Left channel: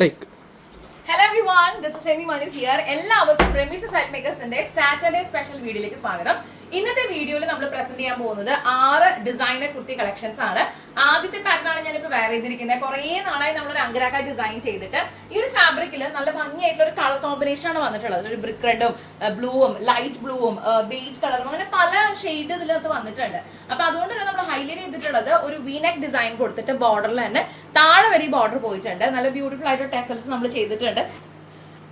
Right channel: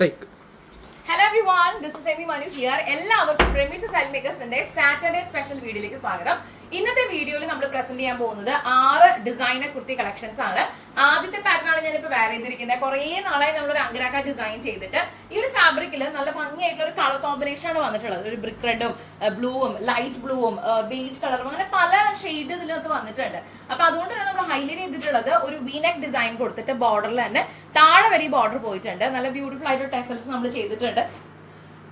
Take hello everyone this Shemi Manu here എല്ലാവർക്കും Remis style മേക്കേഴ്സിന്റെ Saturday special വീഡിയോയിലേക്ക് സ്വാഗതം. ഇന്നത്തെ വീഡിയോയിൽ നമ്മൾ പ്രസന്റ് ചെയ്യാൻ പോകുന്നത് ആറ് ഡിസൈനർ കുർത്തി കളക്ഷൻസ് ആണ്. ആദ്യത്തെ പാറ്റേൺ ആണ് ഞാനിപ്പോൾ വെയർ ചെയ്തിരിക്കുന്നത്. കുറേ നാളായി നമ്മൾ ഒരു അങ്കരാക്ക ഡിസൈൻ ചെയ്തിട്ട് ഈ ഒരു ഫാബ്രിക്കിൽ നല്ല ഭംഗിയായിട്ടുള്ള ഒരു കളർ കോമ്പിനേഷൻ ആണ് വന്നിട്ടുള്ളത്. ഒരു ബ്രിക്ക് റെഡും ബ്ലൂവും ലൈറ്റ് ബ്ലൂവും ബേജ് കളറും അങ്ങനെ പല ഷെയ്ഡ് ഇതിനകത്ത് വന്നിട്ടുണ്ട്. അപ്പൊ അതുകൊണ്ട് തന്നെ നമ്മൾ ഹൈലൈറ്റ് ചെയ്തിട്ടുള്ളത് ഒരു വീനെക്ക് ഡിസൈൻ കൊടുത്തിട്ട് ബോർഡറിൽ തന്നെ താഴെ വരെ ബോർഡർ പോയിട്ടുണ്ട്. നല്ല ബ്യൂട്ടിഫുൾ ആയിട്ട് ടെസൽസ് നമ്മൾ ചെയ്തിട്ടുണ്ട്.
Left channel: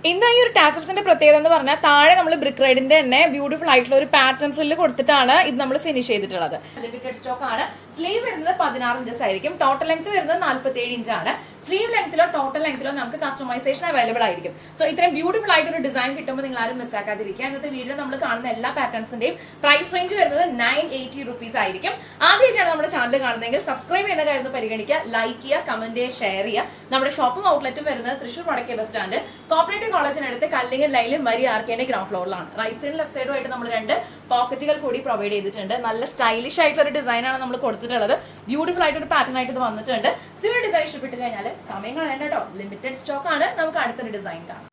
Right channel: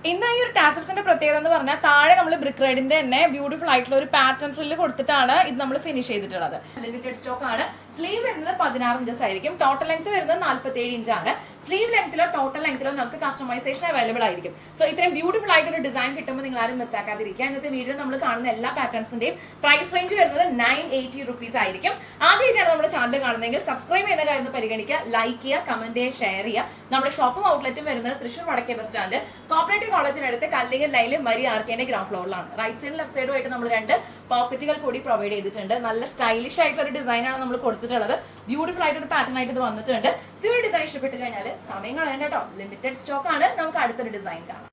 എന്താ ഈ ഒരു ടാസൽസിന്റെ പ്രത്യേകത എന്ന് പറഞ്ഞാൽ താഴെ നമ്മൾ ബ്രിക്ക് റൈഡിന്റെ തന്നെ ബ്യൂട്ടിഫുൾ ആയിട്ടുള്ള ഒരു പാറ്റേൺ ഫ്രില്ല് കൊടുത്തിട്ടാണ് ഇത് നമ്മൾ ഫിനിഷ് ചെയ്തിട്ടുള്ളത്. ലിമിറ്റഡ് സ്റ്റോക്ക് ആണ്. സ്ലീവ് വരുന്നത് പതിനാറ് ഇഞ്ചസ് ആയിരിക്കും. ടോട്ടൽ ലെങ്ത് വരുന്നത് നാല്പത്തി ഏഴ് ഇഞ്ചാണ് സ്ലീവ് ലെങ്ത്തിലോ ടോട്ടൽ ലെങ്ത്തിലോ നമുക്ക് കസ്റ്റമൈസേഷൻ അവൈലബിൾ ആയിരിക്കും. സോ ഇത്രയും ബ്യൂട്ടിഫുൾ ആയിട്ട് ഒരു ഡിസൈൻ കിട്ടുമ്പോൾ നിങ്ങൾ ആരും മിസ്സാക്കാതിരിക്കുക ഇന്നത്തെ വീഡിയോ നമ്മൾ കാണുന്ന എല്ലാ പാറ്റേൺസിന്റെയും പ്രൈസ് റേഞ്ച് വരുന്നത് നയൻ എയ്റ്റി റുപ്പീസ് ആയിരിക്കും. ആദ്യമായിട്ടാണ് നമ്മുടെ ചാനൽ കാണുന്നതെങ്കിൽ സബ്സ്ക്രൈബ് ചെയ്യുന്ന കാര്യം പരിഗണിക്കുക. ലൈക്ക് ചെയ്യുക കമന്റ് ചെയ്യുക ഷെയർ ചെയ്യുക. നമ്മുടെ ഷോപ്പും ഔട്ട്ലെറ്റും വരുന്നത് തൃശ്ശൂർ വടക്കേ ബസ് സ്റ്റാൻഡ് കോപ്പറേറ്റീവ് കോളേജിനടുത്ത് കല്ലിങ്ങൽ ലൈനിൽ മരി ആർക്കേന്റെ ഗ്രൗണ്ട് ഫ്ലോറിലാണ്. റൈറ്റ് സൈഡും ലെഫ്റ്റ് സൈഡും ആയിട്ട് നമ്മൾ രണ്ട് പോക്കറ്റുകൾ കൂടി പ്രൊവൈഡ് ചെയ്തിട്ടുണ്ട്. നല്ല സ്റ്റൈലിഷ് ആയിട്ടുള്ള ഒരു ഡിസൈനാണ് നമ്മൾ കൊടുത്തിട്ടുള്ളത്. ബ്യൂട്ടിഫുൾ ആയിട്ട് ഒരു പാറ്റേൺ ആയിട്ട് ഇത് വന്നിട്ടുണ്ട്. സോ ഡിസൈൻ ഇഷ്ടപ്പെട്ട് കഴിഞ്ഞാൽ സമയങ്ങൾ വേണ്ട ലിമിറ്റഡ് സ്റ്റോക്ക് ആണ്. നമുക്ക് അടുത്തൊരു ഡിസൈൻ കാണാം.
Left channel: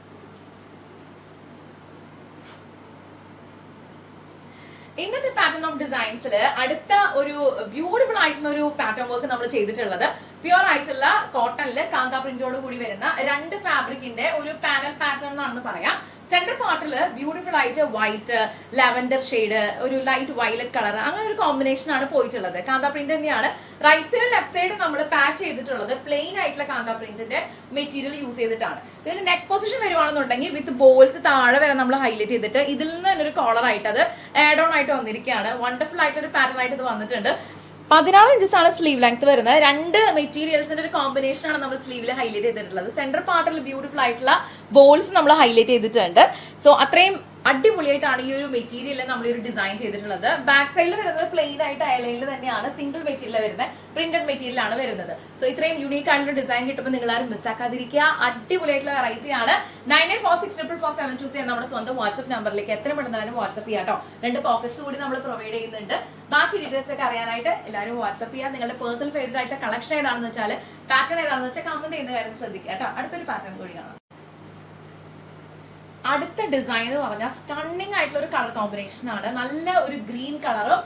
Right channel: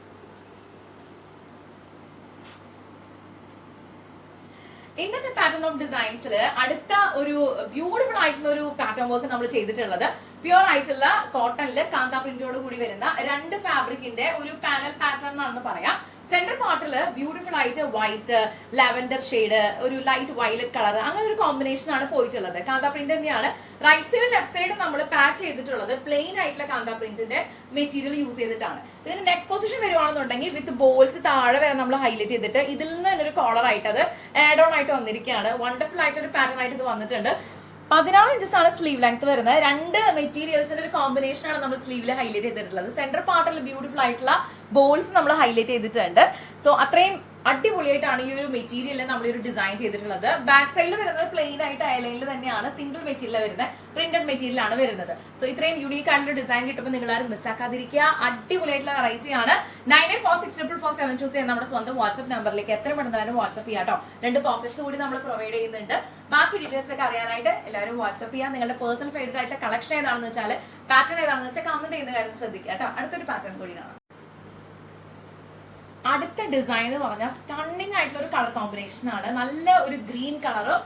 ഇന്നത്തെ പാറ്റേൺ ഓഫ് ഡിസൈൻസിൽ അടുത്ത ഒരു ബ്യൂട്ടിഫുൾ ആയിട്ടുള്ള ഒരു പാറ്റേൺ വർക്ക് നമ്മൾ ചെയ്തിട്ടുള്ളത് പ്യുവർ ആയിട്ടുള്ള കോട്ടണിൽ കാന്ത പ്രിന്റോട് കൂടി വരുന്ന രണ്ട് ഫാബ്രിക്കിന്റെ ഒരു പാനൽ പാറ്റേൺ എന്നാണെന്ന് പറയാം. സെന്റർ പാർട്ടിൽ ബ്യൂട്ടിഫുൾ ആയിട്ട് വൈറ്റ് ലാവൻഡർ ഷെയ്ഡ് ഒരു ലൈറ്റ് വയലറ്റ് കളർ അങ്ങനെ ഒരു കോമ്പിനേഷൻ ആണ് പോയിട്ടുള്ളത്. കാന്ത പ്രിന്റ് തന്നെയാണ്. റൈറ്റ് സൈഡ് ലെഫ്റ്റ് സൈഡ് നമ്മൾ പാച്ച് ചെയ്തിട്ടുള്ളത് പ്ലെയിൻ ആയിട്ടുള്ള കാന്ത പ്രിന്റിന്റെ മെറ്റീരിയൽ യൂസ് ചെയ്തിട്ടാണ്. ഇതിന് നെക്ക് പൊസിഷൻ വരുവാണെന്നുണ്ടെങ്കിൽ വിത്ത് ബോൾസ് താഴെ വരെ നമ്മൾ ഹൈലൈറ്റ് ചെയ്തിട്ട് ഇതിൽ നിന്ന് തന്നെ ഒരു കോളർ ആയിട്ട് അത് ആഡ് ഓൺ ആയിട്ട് വന്നിരിക്കുകയാണ്. വണ്ടർഫുൾ ആയിട്ടുള്ള ഒരു പാറ്റേൺ ആയിട്ട് ഇത് വന്നിട്ടുണ്ട്. പതിനാറ് ഇഞ്ചസ് ആണ് സ്ലീവ് ലെങ്ത് വരുന്നത്. രണ്ട് മെറ്റീരിയൽസിന്റെ ഒരു കോമ്പിനേഷൻ ആണ് നമ്മൾ സ്ലീവിൽ ഹൈലൈറ്റ് ചെയ്തിട്ടുള്ളത്. സെന്റർ പാർട്ടിൽ ബ്യൂട്ടിഫുൾ ആയിട്ടുള്ള ബോൾസ് നമ്മൾ ഹൈലൈറ്റ് ചെയ്തിട്ടുണ്ട്. സോ അത്രയും അടിപൊളിയായിട്ടാണ് ഈ ഒരു മെറ്റീരിയൽ നമ്മൾ ഒരു ഡിസൈൻ ചെയ്തിട്ടുള്ളത്. ബാക്ക് സൈഡിൽ വരുന്നത് പ്ലെയിൻ ആയിട്ട് അയലൈനിൽ തന്നെയാണ്. സിംഗിൾ മെറ്റീരിയൽ വരുന്നത്. പ്രിന്റഡ് മെറ്റീരിയലാണ് വരുന്നത്. സോ ഇത്രയും യുണീക്ക് ആയിട്ടുള്ള ഡിസൈൻ കിട്ടുമ്പോൾ നിങ്ങൾ ആരും മിസ്സാക്കാതിരിക്കുക അടിപൊളിയായിട്ടുള്ള വെറൈറ്റി ആണ്. Nine eight four six triple four seven two three നമ്മുടെ സ്വന്തം വാട്സ്ആപ്പ് നമ്പറിലേക്ക് എത്ര പെട്ടെന്നാലും വാട്സ്ആപ്പ് ചെയ്യാം കേട്ടോ രണ്ട് പോക്കറ്റ്സ് കൂടി നമ്മൾ പ്രൊവൈഡ് ചെയ്യുന്നുണ്ട്. ബാക്കി ഡീറ്റെയിൽസ് ഒക്കെ അറിയാനായിട്ട് എല്ലാവരും വാട്സ്ആപ്പ് ചെയ്യാം. നിങ്ങളുടെ പേഴ്സണൽ ഫേവറേറ്റ് ആയിട്ട് കളക്ഷൻ ഏതാണെന്ന് വെച്ചാൽ പാറ്റേൺ ഏതാണെന്ന് വെച്ചാൽ കമന്റ് ചെയ്യുന്ന കാര്യം ശ്രദ്ധിക്കുക കേട്ടോ അടുത്തൊരു പാറ്റേൺ കൂടി കാണാം. അടുത്ത ഡിസൈൻ എന്ന് പറഞ്ഞാൽ സ്റ്റണ്ണിങ് ആയിട്ടുള്ള ഒരു കളർ കോമ്പിനേഷൻ ആണ്. നല്ല ഒരു ഗ്രീൻ കളറും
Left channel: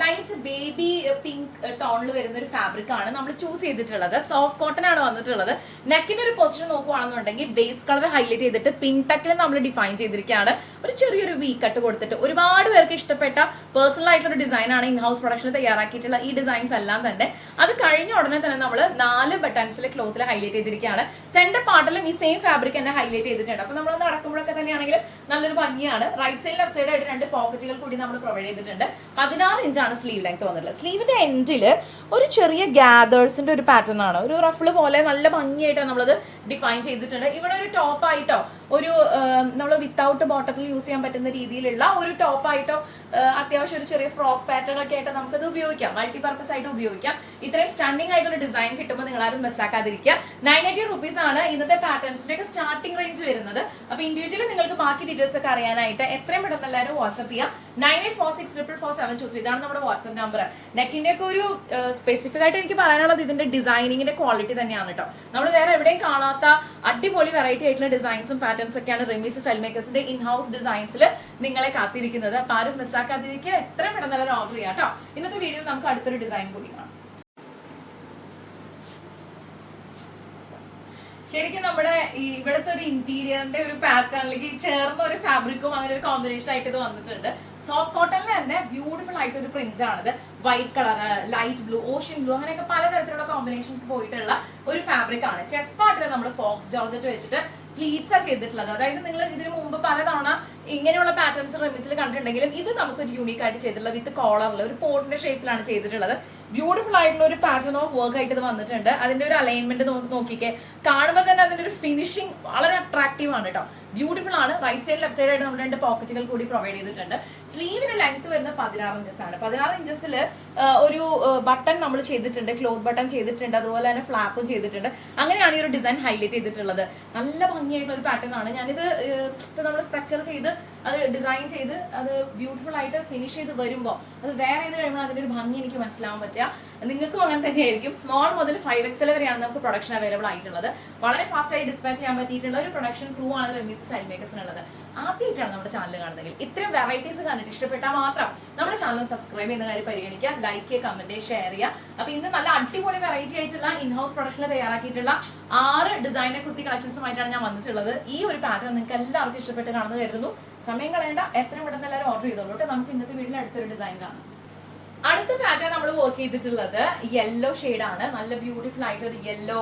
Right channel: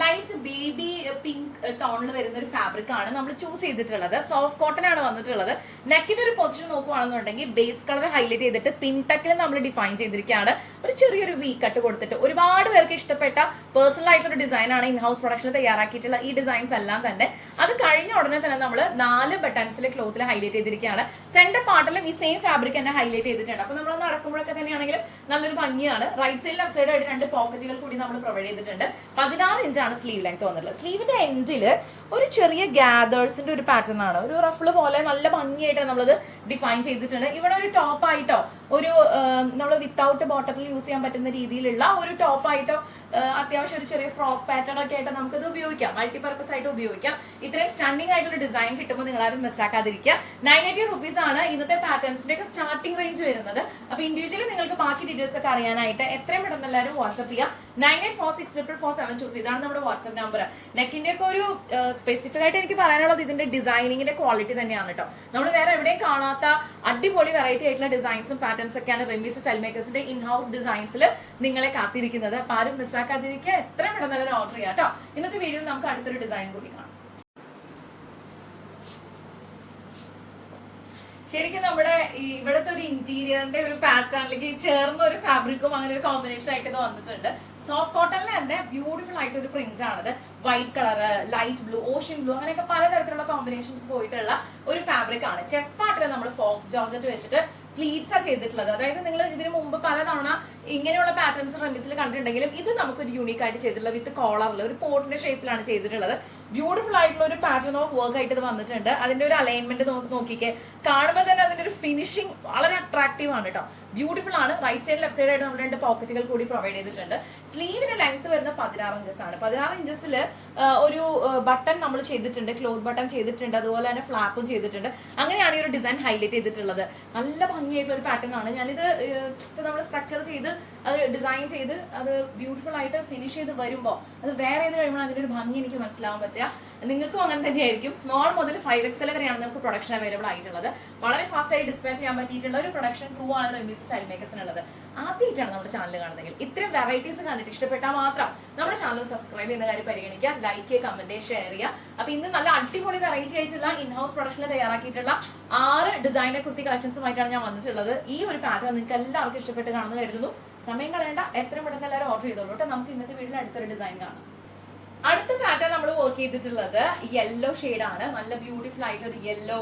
ലൈറ്റ് ബേബി പിങ്ക് ടോണിൽ വരുന്ന ഒരു ഫാബ്രിക് ആണ് നമ്മൾ ചൂസ് ചെയ്തിട്ടുള്ളത്. സോഫ്റ്റ് കോട്ടൺ ആണ് വന്നിട്ടുള്ളത്. നെക്കിന്റെ ഒരു പൊസിഷൻ നോക്കുവാണെന്നുണ്ടെങ്കിൽ ബേസ് കളർ ഹൈലൈറ്റ് ചെയ്തിട്ട് പിങ്ക് ടക്കിൽ നമ്മൾ ഡിഫൈൻ ചെയ്തിരിക്കുകയാണ്. ഒരു ചെറിയൊരു വീ കട്ട് കൊടുത്തിട്ട് ഒരുപാട് പേർക്ക് ഇഷ്ടപ്പെട്ട പേഴ്സണൽ ആയിട്ടുള്ള ഡിസൈൻ ആണ് ഇൻ ഹൗസ് പ്രൊഡക്ഷൻ തയ്യാറാക്കിയിട്ടുള്ള ഈ ഡിസൈൻസ് എല്ലാം തന്നെ. അത് കഴിഞ്ഞ ഉടനെ തന്നെ നമ്മൾ നാല് ബട്ടൺസിലെ ക്ലോത്തിൽ ഹൈലൈറ്റ് ചെയ്തിരിക്കുകയാണ്. സെന്റർ പാർട്ടിലും ഈ സെയിം ഫാബ്രിക് തന്നെ ഹൈലൈറ്റ് ചെയ്തിട്ടുണ്ട്. അപ്പൊ നമ്മളൊന്ന് അടക്കുമ്പോഴൊക്കെ തന്നെയാണെങ്കിൽ നല്ലൊരു ഭംഗിയാണ്. റൈറ്റ് സൈഡ് ലെഫ്റ്റ് സൈഡ് ആയിട്ട് രണ്ട് പോക്കറ്റുകൾ കൂടി നമ്മൾ പ്രൊവൈഡ് ചെയ്തിട്ടുണ്ട്. പതിനാറ് ഇഞ്ചാണ് സ്ലീവ് ലെങ്ത് വന്നിട്ടുള്ളത്. സ്ലീവിന്റെ എൻഡിൽ ഒരു ചെറിയ ഗ്യാദേഴ്സിന്റെ ഒരു പാറ്റേൺ ആണ്. ഒരു റഫിൾ പോലെ നല്ല ഭംഗിയായിട്ട് നമ്മളത് ഡിഫൈൻ ചെയ്തിട്ടുണ്ട്. ഇവിടെ ഒരു ടോപ്പായിട്ടോ ഒരു നമ്മൾ വിത്തൗട്ട് ബോട്ടത്തിൽ യൂസ് ചെയ്യാൻ പറ്റുന്ന രീതിയിലുള്ള ഒരു ടോപ്പ് ആയിട്ടോ അത്യാവശ്യം ഒരു ചെറിയ ഫ്രോക്ക് പാറ്റേൺ ഒക്കെ ആയിട്ട് നമുക്കത് ഉപയോഗിക്കാം. മൾട്ടി പർപ്പസ് ആയിട്ട് ഉപയോഗിക്കാം. ഇത്രയും സ്റ്റണ്ടിങ് ആയിട്ടുള്ള ഡിസൈൻ കിട്ടുമ്പോൾ നിങ്ങൾ ആരും മിസ്സാക്കാതിരിക്കുക നയൻ എയ്റ്റി റുപ്പീസ് ആണ് ഇന്നത്തെ പാറ്റേൺസിന്റെ ഒക്കെ സ്റ്റാർട്ടിംഗ് റേഞ്ച് വരുന്നത്. അപ്പൊ ഇൻഡിവിജ്വലി നിങ്ങൾക്ക് ബാക്കി ഡീറ്റെയിൽസ് ഒക്കെ അറിയാനായിട്ട് എത്രയും പെട്ടെന്ന് എല്ലാവരും വാട്സ്ആപ്പ് ചെയ്യാം. Nine eight four six triple four seven two three ഇതാണ് നമ്മുടെ വാട്സ്ആപ്പ് നമ്പർ നെക്കിന്റെ ഒക്കെ ഒരു സ്പെസിഫിക് ആയിട്ട് എനിക്ക് പറയാനുള്ളത് ഇതിന്റെ ഡിസൈനിങ്ങിന്റെ ക്വാളിറ്റി തന്നെയാണ് കേട്ടോ നമ്മൾ വേറെ എവിടെയും കാണാത്ത അടിപൊളി വെറൈറ്റി ആയിട്ടുള്ള ഡിസൈൻസും പാറ്റേൺസ് ഒക്കെയാണ് റെമീസ് സ്റ്റൈൽ മേക്കേഴ്സിന്റെ ഇൻ ഹൗസ് ഡിസൈൻസിൽ നിങ്ങളെ കാത്തിരിക്കുന്നത്. ആരും മിസ്സാക്കാതിരിക്കുക എത്രയും പെട്ടെന്ന് ഓർഡർ ചെയ്യാം കേട്ടോ. ഇന്നത്തെ വീഡിയോയിൽ നമുക്ക് അടുത്തൊരു ഡിസൈൻ കൂടി കാണാം. ശരിക്കും നമ്മുടെ ഈ ഇവിടുത്തെ ഒരു ഇന്റീരിയറിന്റെ ഒരു പാറ്റേണിലേക്ക് ചേർന്ന ഒരു ഫാബ്രിക്കും അങ്ങനെ ഒരു കോമ്പിനേഷൻ ആയിട്ട് ഇത് വന്നിട്ടുണ്ട്. സോഫ്റ്റ് കോട്ടണിൽ തന്നെ ബ്യൂട്ടിഫുൾ ആയിട്ടുള്ള ഒരു പ്രിന്റ് ആണിത്. White colour light blue ocean blue അങ്ങനെയൊക്കെ പലതരത്തിലുള്ള കോമ്പിനേഷൻസ് പോയിട്ടുള്ള ഒരു ഫാബ്രിക് ആണ്. ചെസ്റ്റ് പാർട്ടിൽ നമ്മൾ ഫോക്സ് ജോർജറ്റ് വെച്ചിട്ട് പ്ലീറ്റ്സ് ആ ചെയ്തിട്ടുള്ളത്. അതായത് നിങ്ങൾ ഇതിനു മുമ്പ് പലതവണ ഇങ്ങനെയുള്ള പാറ്റേൺസ് റെമിസിൽ കണ്ടിട്ടുണ്ടെങ്കിലും ഇത് നമുക്കൊരു യൂണീക്ക് ആയിട്ട് ചെയ്തിട്ടുള്ളത് വിത്ത് കോളറിൽ ഒരു പോട്ടിന്റെ ഷേപ്പിലാണ് ചെയ്തിട്ടുള്ളത്. ബ്യൂട്ടിഫുൾ ആയിട്ടുള്ള ഒരു പാറ്റേൺ ഓഫ് വർക്ക് ആയിട്ട് ഇത് വന്നിട്ടുണ്ട്. അതിന്റെ ഒരു അലൈൻമെന്റ് നമുക്ക് നോക്കിക്കേ. കാണുമ്പോൾ തന്നെ അതിന്റെ ഒരു ഫിനിഷിംഗ് വളരെ അട്രാക്റ്റീവ് ആണ് കേട്ടോ ബ്യൂട്ടിഫുൾ ആണ്. റൈറ്റ് സൈഡ് ലെഫ്റ്റ് സൈഡ് ആയിട്ട് രണ്ട് പോക്കറ്റുകൾ കൂടി പ്രൊവൈഡ് ചെയ്തിട്ടുണ്ട്. സ്ലീവിന്റെ ലെങ്ത് വരുന്ന പതിനാറ് ഇഞ്ചസ് ആണ്. പതിനാറ് ഇഞ്ചസിൽ ഒരു ബട്ടൺ നമ്മൾ ചെയ്തിട്ടുണ്ട്. ക്ലോത്ത് ബട്ടൺ ചെയ്തിട്ടുണ്ട്. അതുപോലെ തന്നെ ഫ്ലാപ്പും ചെയ്തിട്ടുണ്ട്. അങ്ങനെയാണ് ഈ ഒരു ഡിസൈൻ ഹൈലൈറ്റ് ചെയ്തിട്ടുള്ളത്. നല്ല ഭംഗിയായിട്ടുള്ള ഒരു പാറ്റേൺ ആണ്. ഞാനിത് ഇപ്പൊ നമ്മൾ സ്ട്രക്ചർ ചെയ്ത് അത് ഡിസൈൻ ചെയ്ത് അത് ബ്യൂട്ടിഫുൾ ആയിട്ട് ഫിനിഷ് ചെയ്ത് വരുമ്പോൾ അത് വേറെ ചെയ്ത് കഴിയുമ്പോൾ അതിന്റെ ഒരു ഭംഗി എനിക്ക് മനസ്സിലാവാൻ പറ്റുക നിങ്ങൾക്കും അങ്ങനെ തന്നെയായിരിക്കും. സ്മോൾ മുതൽ ഫൈവ് എക്സൽ വരെയാണ് നമുക്ക് പ്രൊഡക്ഷൻ അവൈലബിൾ ആയിട്ടുള്ളത്. വളരെ ഫാസ്റ്റ് ആയി ഡിസ്പാച്ച് ചെയ്യാൻ പറ്റിയിട്ടുള്ള ഒരു പ്രൊഡക്ഷൻ ക്രൂ ആണ് റെമീസ് സൈൽ മേക്കേഴ്സിനുള്ളത് ആദ്യമായിട്ടാണ് നമ്മുടെ ചാനൽ കാണുന്നതെങ്കിൽ ഇത്തരം വെറൈറ്റീസ് കണ്ടിട്ട് ഇഷ്ടപ്പെട്ടാൽ മാത്രം നമ്മുടെ ചാനൽ സബ്സ്ക്രൈബ് ചെയ്യുന്ന കാര്യം പരിഗണിക്കുക. ലൈക്ക് ചെയ്യുക കമന്റ് ഷെയർ ചെയ്യുക. അപ്പൊ ഇന്ന് നല്ല അടിപൊളി വെറൈറ്റി ആയിട്ടുള്ള ഇൻഹൗസ് പ്രൊഡക്ഷനിൽ തയ്യാറാക്കിയിട്ടുള്ള ആറ് ഡിസൈനർ കുർത്തി കളക്ഷൻസുമായിട്ടാണ് ഞാൻ വന്നിട്ടുള്ളത്. ഈ ഒരു പാറ്റേൺ നിങ്ങൾക്ക് എല്ലാവർക്കും ഇഷ്ടപ്പെട്ട് കാണുന്നു കരുതുന്നു. സമയം കളയേണ്ട. എത്രയും പെട്ടെന്ന് എല്ലാവരും ഓർഡർ ചെയ്തോളൂ നമുക്ക് ഇന്നത്തെ വീട്ടിൽ അടുത്തൊരു ഡിസൈൻ കാണാം. അടുത്ത പാറ്റേൺ നമ്മൾ വർക്ക് ചെയ്തിട്ടുള്ളത് യെല്ലോ ആണ്. നല്ല ബ്യൂട്ടിഫുൾ ആയിട്ട് ഒരു യെല്ലോ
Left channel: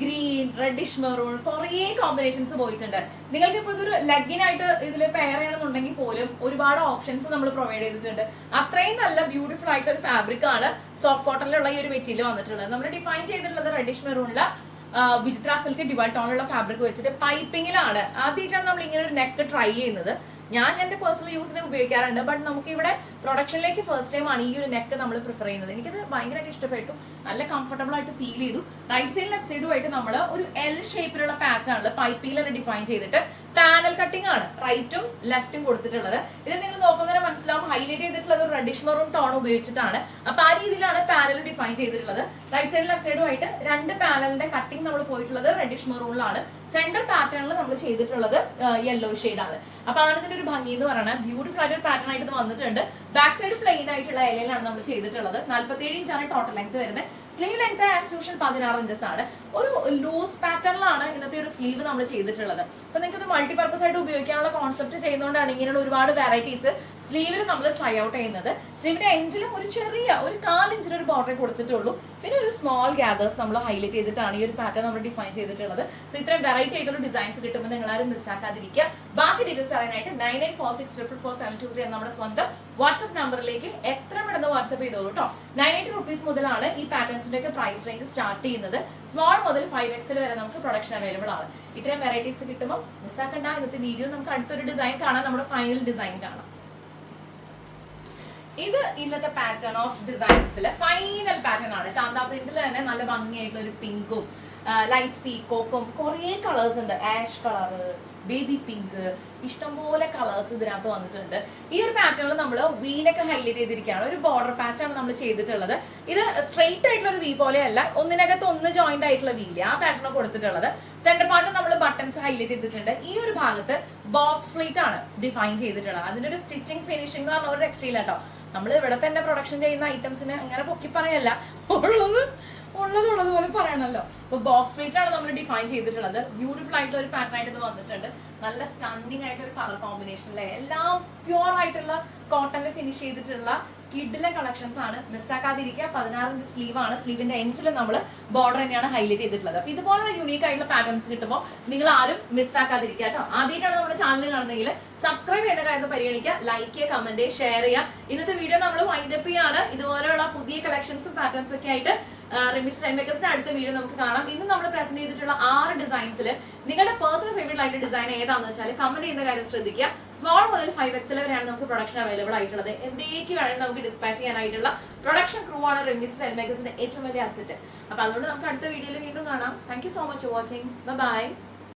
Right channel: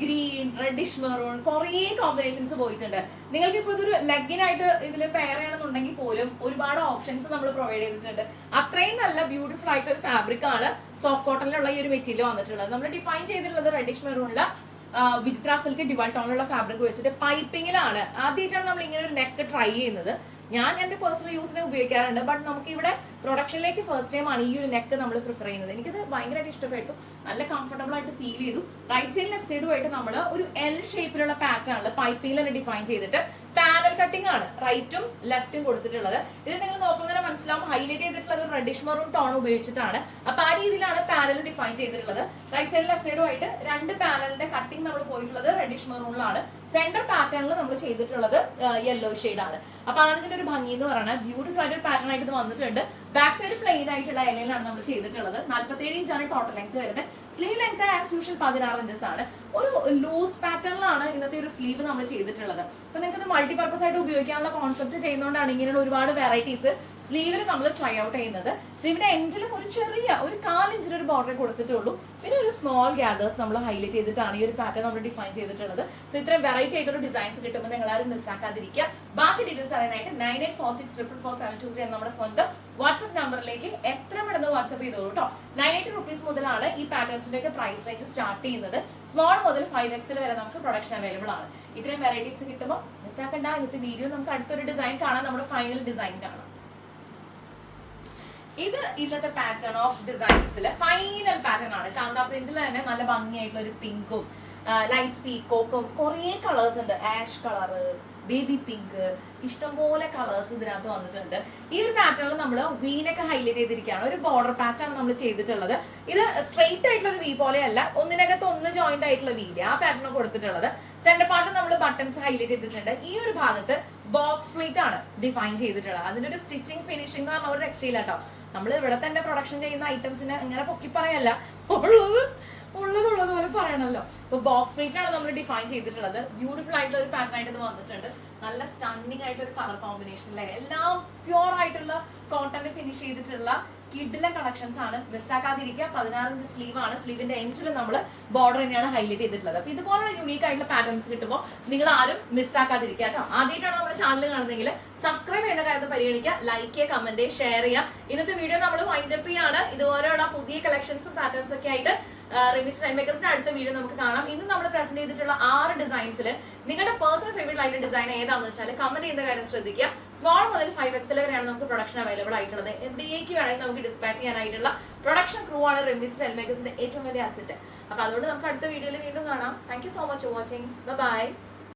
ഗ്രീൻ റെഡിഷ് മെറൂൺ കുറേ കോമ്പിനേഷൻസ് പോയിട്ടുണ്ട്. നിങ്ങൾക്ക് ഇപ്പോൾ ഇതൊരു ലെഗിനായിട്ട് ഇതിൽ പെയർ ചെയ്യണമെന്നുണ്ടെങ്കിൽ പോലും ഒരുപാട് ഓപ്ഷൻസ് നമ്മൾ പ്രൊവൈഡ് ചെയ്തിട്ടുണ്ട്. അത്രയും നല്ല ബ്യൂട്ടിഫുൾ ആയിട്ടുള്ള ഒരു ഫാബ്രിക് ആണ് സോഫ്റ്റ് കോട്ടണിലുള്ള ഈ ഒരു മെറ്റീരിയൽ വന്നിട്ടുള്ളത്. നമ്മൾ ഡിഫൈൻ ചെയ്തിട്ടുള്ളത് റെഡിഷ് മെറൂണിൽ വിചിത്ര സിൽക്ക് ഡിവൈ ടോണുള്ള ഫാബ്രിക് വെച്ചിട്ട് പൈപ്പിങ്ങിലാണ് ആദ്യമായിട്ടാണ് നമ്മൾ ഇങ്ങനെ ഒരു നെക്ക് ട്രൈ ചെയ്യുന്നത്. ഞാൻ എന്റെ പേഴ്സണൽ യൂസിന് ഉപയോഗിക്കാറുണ്ട് ബട്ട് നമുക്ക് ഇവിടെ പ്രൊഡക്ഷനിലേക്ക് ഫസ്റ്റ് ടൈം ആണ് ഈ ഒരു നെക്ക് നമ്മൾ പ്രിഫർ ചെയ്യുന്നത്. എനിക്കത് ഭയങ്കരമായിട്ട് ഇഷ്ടപ്പെട്ടു. നല്ല കംഫർട്ടബിൾ ആയിട്ട് ഫീൽ ചെയ്തു. റൈറ്റ് സൈഡ് ലെഫ്റ്റ് സൈഡുമായിട്ട് നമ്മൾ ഒരു എൽ ഷേപ്പിലുള്ള പാറ്റേണിൽ പൈപ്പിൽ തന്നെ ഡിഫൈൻ ചെയ്തിട്ട് പാനൽ കട്ടിംഗ് ആണ് റൈറ്റും ലെഫ്റ്റും കൊടുത്തിട്ടുള്ളത്. ഇത് നിങ്ങൾ നോക്കുന്നതിന് മനസ്സിലാവും ഹൈലൈറ്റ് ചെയ്തിട്ടുള്ളത് ഒരു റെഡിഷ് മെറൂൺ ടോൺ ഉപയോഗിച്ചിട്ടാണ്. അപ്പൊ ആ രീതിയിലാണ് പാനൽ ഡിഫൈൻ ചെയ്തിട്ടുള്ളത്. റൈറ്റ് സൈഡ് ലെഫ്റ്റ് സൈഡും ആയിട്ട് രണ്ട് പാനലിന്റെ കട്ടിംഗ് നമ്മൾ പോയിട്ടുള്ളത് റെഡിഷ് മെറൂണിലാണ് സെന്റർ പാറ്റേണിൽ നമ്മൾ ചെയ്തിട്ടുള്ളത് യെല്ലോ ആണ്. അപ്പൊ അതാണ് ഇതിന്റെ ഒരു ഭംഗി എന്ന് പറയുന്നത്. ബ്യൂട്ടിഫുൾ ആയിട്ട് പാറ്റേൺ ആയിട്ട് ഇത് വന്നിട്ടുണ്ട്. ബാക്ക് സൈഡ് പ്ലെയിൻ ആയിട്ടുള്ള ഇലയിലാണ് നമ്മൾ ചെയ്തിട്ടുള്ളത്. നാല്പത്തേഴ് ഇഞ്ചാണ് ടോട്ടൽ ലെങ്ത് വരുന്നത്. സ്ലീവ് ലെങ്ത് ആസ് യൂഷ്വൽ പതിനാറ് ഇഞ്ചസ് ആണ്. ഒരു ലൂസ് പാറ്റേണിലാണ് ഇന്നത്തെ ഒരു സ്ലീവ് നമ്മൾ ചെയ്തിട്ടുള്ളത്. അപ്പൊ നിങ്ങൾക്ക് ഇത് മൾട്ടിപർപ്പസ് ആയിട്ട് ഉപയോഗിക്കാനുള്ള കോൺസെപ്റ്റ് ചെയ്യുന്നതുകൊണ്ടാണ് ഇങ്ങനെയുള്ള ഒരുപാട് വെറൈറ്റീസ് സ്ലീവിൽ നമ്മൾ ട്രൈ ഔട്ട് ചെയ്യുന്നത്. സ്ലീവിന്റെ എഞ്ചിലും ഒരു ചെറിയ ഒരു കാലിഞ്ചിന് ഒരു ബോർഡർ കൊടുത്തിട്ടുള്ളൂ. പിന്നെ ഒരു സ്മോൾ ഗ്യാദേഴ്സ് നമ്മൾ ഹൈലൈറ്റ് ചെയ്തിട്ടാണ് ഈ ഒരു പാറ്റേൺ നമ്മൾ ഡിഫൈൻ ചെയ്തിട്ടുള്ളത്. സോ ഇത്രയും വെറൈറ്റി ആയിട്ടുള്ള ഡിസൈൻസ് കിട്ടുമ്പോൾ നിങ്ങൾ ആരും മിസ്സാക്കാതിരിക്കുക ബാക്കി ഡീറ്റെയിൽസ് അറിയാനായിട്ട് nine eight four six triple four seven two three നമ്മുടെ സ്വന്തം വാട്സ്ആപ്പ് നമ്പറിലേക്ക് എത്ര പെട്ടെന്ന് വാട്സ്ആപ്പ് ചെയ്തോളൂ കേട്ടോ നയൻ എയ്റ്റ് റുപ്പീസ് മുതലാണ് ഈ പാറ്റേൺസിന്റെ ഒക്കെ പ്രൈസ് റേഞ്ച് സ്റ്റാർട്ട് ചെയ്യുന്നത്. സ്മോൾ മുതൽ ഫൈവ് എക്സിൽ വരെ നമുക്ക് പ്രൊഡക്ഷൻ അവൈലബിൾ ആണ്. ഇത്രയും വെറൈറ്റീസ് കിട്ടുമ്പോൾ മിസ്സാക്കണ്ട ഇന്നത്തെ വീഡിയോ നമുക്ക് അടുത്തൊരു ഡിസൈൻ കാണാം. നമ്മുടെ ഫൈനൽ ഡിസൈൻ കാണാം. ഇത് ഇന്നത്തെ പാറ്റേൺ ഓഫ് ഡിസൈൻസിൽ ഫൈനൽ പാറ്റേൺ ആണ്. കാന്താ പ്രിന്റിൽ തന്നെ നല്ല ഭംഗിയായിട്ടുള്ള ഒരു പിങ്കും ലൈറ്റ് പീക്കോക്കും കുറേ കളേഴ്സ് ഉണ്ട്. ആഷ് കളറ് ബേബി പിങ്ക് ഇഷ്ടംപോലെ കളേഴ്സ് ഇതിനകത്ത് വന്നിട്ടുണ്ട്. ഈ ഒരു പാറ്റേണിൽ നമ്മൾ വീനൊക്കെ ഹൈലൈറ്റ് ചെയ്തിരിക്കുകയാണ്. ഒരു ബോർഡർ പാച്ചാണ് നമ്മൾ ചെയ്തിട്ടുള്ളത്. ഇത് സ്ട്രെയിറ്റ് ആയിട്ടുള്ള ഒരു വീ പോലെയല്ല ഒന്നിനകത്ത് ഒന്ന് ജോയിന്റ് ആയിട്ടുള്ള വീൽ ആ പാറ്റേൺ കൊടുത്തിട്ടുള്ളത്. സെന്റർ പാർട്ട് നമ്മൾ ബട്ടൺസ് ഹൈലൈറ്റ് ചെയ്തിട്ടുണ്ട്. ഈ ഒരു ഭാഗത്ത് ബോക്സ് പ്ലേറ്റ് ആണ് ഡിഫൈൻ ചെയ്തിട്ടുള്ളത്. അതിന്റെ ഒരു സ്റ്റിച്ചിങ് ഫിനിഷിംഗ് എന്ന് പറഞ്ഞ ഒരു രക്ഷയില്ല കേട്ടോ. നമ്മൾ ഇവിടെ തന്നെ പ്രൊഡക്ഷൻ ചെയ്യുന്ന ഐറ്റംസിന് ഇങ്ങനെ പൊക്കി പറയല്ല. ഉള്ളത് ഉള്ളത് ഉള്ളത് പോലെ പറയണല്ലോ. അപ്പൊ ബോക്സ് ആണ് നമ്മൾ ഡിഫൈൻ ചെയ്തിട്ടുള്ളത്. ബ്യൂട്ടിഫുൾ ആയിട്ടുള്ള ഒരു പാറ്റേൺ ആയിട്ട് വന്നിട്ടുണ്ട്. നല്ല സ്റ്റണ്ണിങ് ആയിട്ടുള്ള ഒരു കളർ കോമ്പിനേഷൻ കോമ്പിനേഷനിലെ എല്ലാം പ്യുവർ ആയിട്ടുള്ള കോട്ടണിൽ ഫിനിഷ് ചെയ്തിട്ടുള്ള കിഡിലെ കളക്ഷൻസ് ആണ്. മിസ്സാക്കാതിരിക്കുക പതിനാറ് ഇഞ്ച് സ്ലീവ് ആണ്. സ്ലീവിന്റെ എഞ്ചിൽ നമ്മൾ ബോർഡർ തന്നെയാണ് ഹൈലൈറ്റ് ചെയ്തിട്ടുള്ളത്. അപ്പൊ ഇതുപോലുള്ള യൂണീക് ആയിട്ടുള്ള പാറ്റേൺസ് കിട്ടുമ്പോൾ നിങ്ങൾ ആരും മിസ്സാക്കാതിരിക്കുക കേട്ടോ. ആദ്യമായിട്ടാണ് നമ്മുടെ ചാനൽ കാണുന്നതെങ്കിൽ സബ്സ്ക്രൈബ് ചെയ്യുന്ന കാര്യം പരിഗണിക്കുക. ലൈക്ക് ചെയ്യുക കമന്റ് ഷെയർ ചെയ്യുക. ഇന്നത്തെ വീഡിയോ നമ്മൾ വൈൻഡപ്പ് ഇതുപോലെയുള്ള പുതിയ കളക്ഷൻസും പാറ്റേൺസും ഒക്കെ ആയിട്ട് റിമിസ് ടൈം മേക്കേഴ്സിന്റെ അടുത്ത വീഡിയോ നമുക്ക് കാണാം. ഇന്ന് നമ്മൾ പ്രസന്റ് ചെയ്തിട്ടുള്ള ആറ് ഡിസൈൻസിൽ നിങ്ങളുടെ പേഴ്സണൽ ഫേവറേറ്റ് ആയിട്ട് ഡിസൈൻ ഏതാണെന്ന് വെച്ചാൽ കമന്റ് ചെയ്യുന്ന കാര്യം ശ്രദ്ധിക്കുക. സ്മോൾ മുതൽ ഫൈവ് എക്സൽ വരെയാണ് നമുക്ക് പ്രൊഡക്ഷൻ അവൈലബിൾ ആയിട്ടുള്ളത്. എവിടേക്ക് വേണമെങ്കിൽ നമുക്ക് ഡിസ്പാച്ച് ചെയ്യാനായിട്ടുള്ള പ്രൊഡക്ഷൻ ക്രൂ ആണ് റിമിസ് ടൈം മേക്കേഴ്സിന്റെ ഏറ്റവും വലിയ അസറ്റ് അപ്പൊ അതുകൊണ്ട് നമുക്ക് അടുത്ത വീഡിയോയിൽ വീണ്ടും കാണാം. Thank so much watching bye